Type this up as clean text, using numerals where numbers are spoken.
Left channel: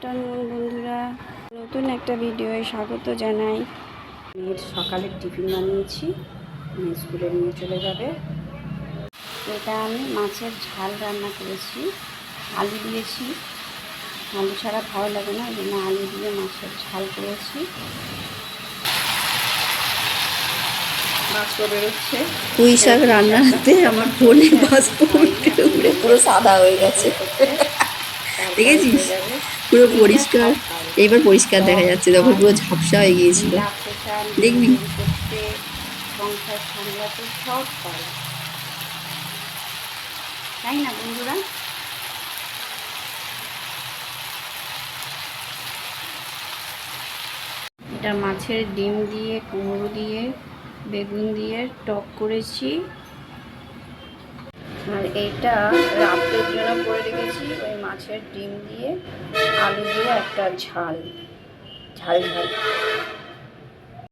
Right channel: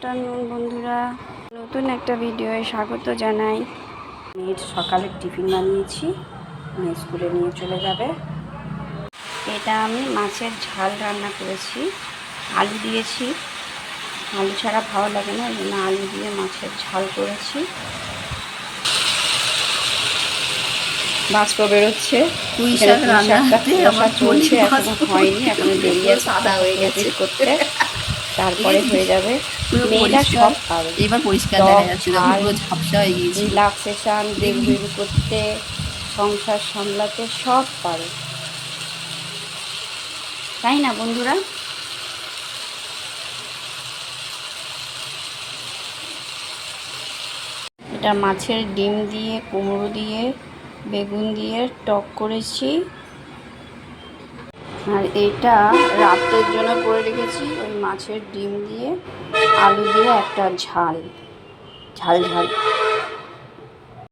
Afternoon বন্ধুরা, নতুন একটা ভিডিওয়ে স্বাগত জানাই। মেয়ের সকালের টিফিন বানিয়েছি, মেয়ে স্কুলে নিয়ে চলে যাবে। এটা আমি মাছের ঝাল রান্না করেছি, আলু দিয়েছি, আলু ছাড়া ভালো লাগে না, এই জন্য আলু দিয়ে মাছের ঝাল করেছি। বাষ্প বেরোচ্ছে, পুঁই শাক রান্নাতে আমার ফোনে বাষ্প পুরো সাদা হয়ে গেছে করতে, তারপরে হয়ে যাবে। পুরো মেয়েরা পরিষ্কার। সব পারে, এবার পরিষ্কার দেখা যাচ্ছে, তখন পুরো ঝাপসা হয়ে গিয়েছিল। রিল্যাক্সেশন, দেখবি তৈরি করতে, সংসার সামলাতে সব পারে, তাই না বন্ধুরা? এটা মাছের ডিম দিয়ে, কুমড়ো দিয়ে, বেগুন দিয়ে টক করেছি। আর এটা রাতের জন্য করে রেখেছি, ওই মাছের ডিম দিয়ে আলু দিয়ে একটা ঝাল ঝাল ঝাল।